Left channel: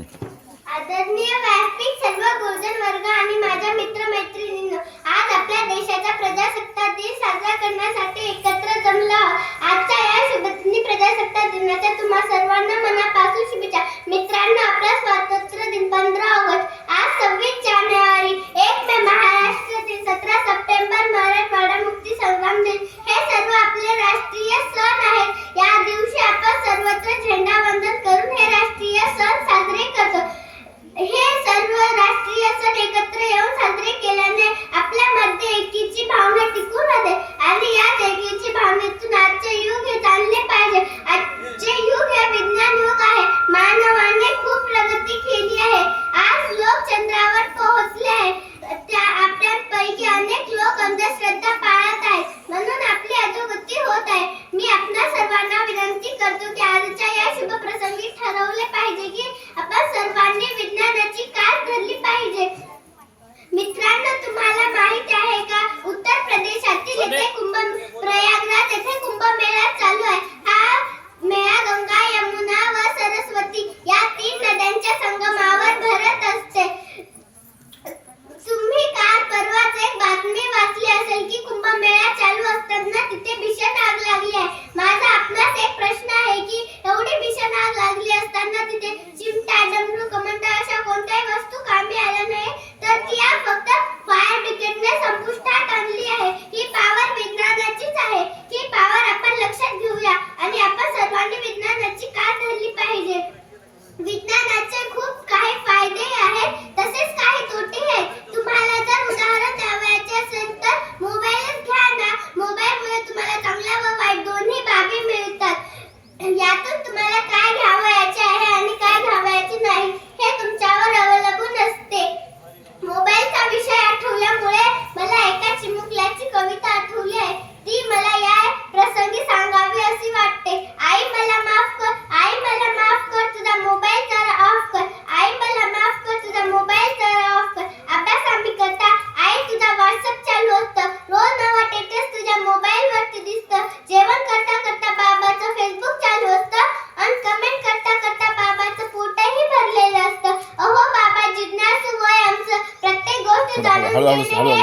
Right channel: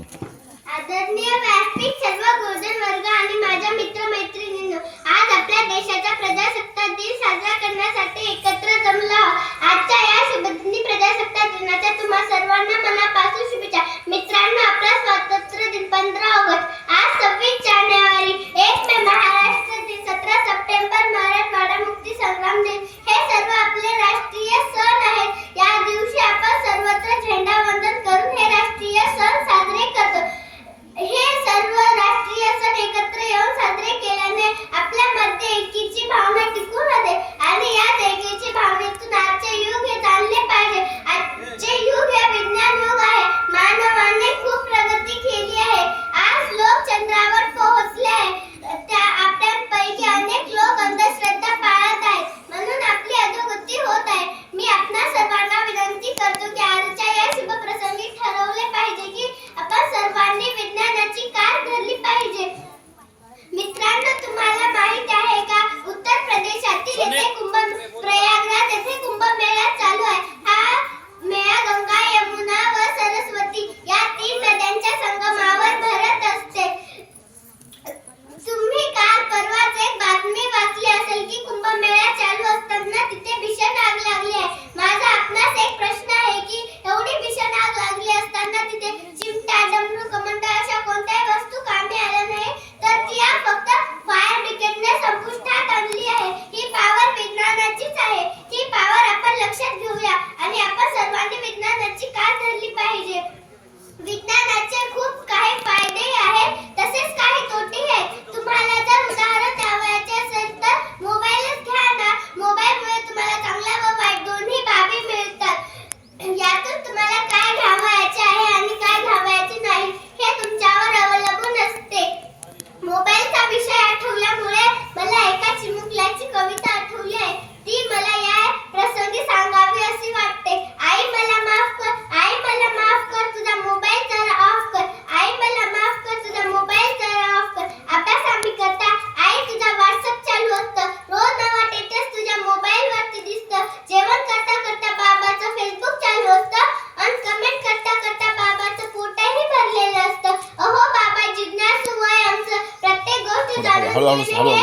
आदरणीय व्यासपीठ, सर्व गुरुजन वर्ग आणि माझ्या मित्रमैत्रिणींनो, आज आपल्या देशाचा प्रजासत्ताक दिन साजरा करण्यासाठी एकत्र जमलो आहोत. आजच्या या शुभदिनी प्रजासत्ताक दिनाच्या तुम्हा सर्वांना मनापासून शुभेच्छा. मित्रांनो, आपला स्वातंत्र्य दिन 15 ऑगस्ट, आज 26 जानेवारी, 1 मे महाराष्ट्र दिन, 17 सप्टेंबर मराठवाडा मुक्ती संग्राम दिन हे सर्व आपले राष्ट्रीय सण आहेत. या दिवशी आपण सर्वत्र झेंडा वंदन करून हे राष्ट्रीय सण साजरे करतो. हे सर्व राष्ट्रीय सण एकत्र येऊन साजरे केल्याने आपल्यामध्ये एकीची भावना टिकून राहते आणि याच एकीची भावनेतून आजचे युग हे चालले पाहिजे. आजचे युग हे विज्ञान युग आहे. मानवाने खूप प्रगती केली आहे. आज लोक चंद्रावर पोहोचले आहे. त्या आपल्यापैकी अनेक लोक अंधश्रद्धा पाळत आहेत, म्हणून आपली अधोगती होत आहे. मी आपणा सर्वांना विनंती करतो की आजच्या या शुभ प्रसंगी ठरवले पाहिजे की आपण सर्वांनी विज्ञानाची कास धरली पाहिजे. मित्रांनो, तुम्हाला माहित आहे का, उत्तर प्रदेशातील प्रयागराज येथे कुंभमेळा चालू आहे. हा मेळा गंगा, यमुना व सरस्वती या 3 नद्यांच्या संगमावर भरत असते. तुम्ही काल परवाच एक बातमी वाचली असेल की कुंभमेळा चालू असताना तिथे भीषण आग लागली आहे. माझा आपणास एक प्रश्न आहे की एवढी भीषण आग लागली असताना तिथे चिमटा, डमरू, कमंडा अशा कोणत्याही वस्तू कामी आल्या नाही, तर ती आग फक्त फायर ब्रिगेडने संपुष्टात आणली आहे. ही पॉवर विज्ञानाचीच आहे. ही पॉवर आपण लक्षात घेऊया आणि आपण सर्वांनी विज्ञानाची कास धरली पाहिजे. विज्ञानाचे खूप काही फायदे आहेत, तसेच काही तोटे आहेत. तुम्हाला जर उदाहरण द्यावयाचे असेल तर मोबाईलच घ्या ना. मोबाईलमुळे तुम्हाला चांगल्या व वाईट दोन्ही बाबी मिळतात. यातून तुम्हाला काय घ्यावयाचे आहे आणि काय घ्यावयाचे नाही हे तुमच्यावर अवलंबून असते. मोबाईलचा विषय आठवल्यामुळे मला एका चिमुकल्याची कविता आठवली आहे. ती मला या प्रसंगी सांगावी अशी वाटते. आई मला माफ कर, आई मला माफ कर, तुझा मोबाईल जरा ऑफ कर. आई मला माफ कर, तुझा मोबाईल जरा ऑफ कर. अभ्यास आम्ही करता, आई तुझा व्हॉट्सअप चालू असतं. रोज नवा स्टेटस तुझ्या मोबाईल वरती दिसतं. जेवण करता करता बाबाचं फेसबुक चालू असतं आणि कमेंट करता करता बाबाचं पोटही भरलेलं असतं. अहो बाबा, जिज्ञासू वय आमचं, प्रत्येक गोष्ट जाणून घेणे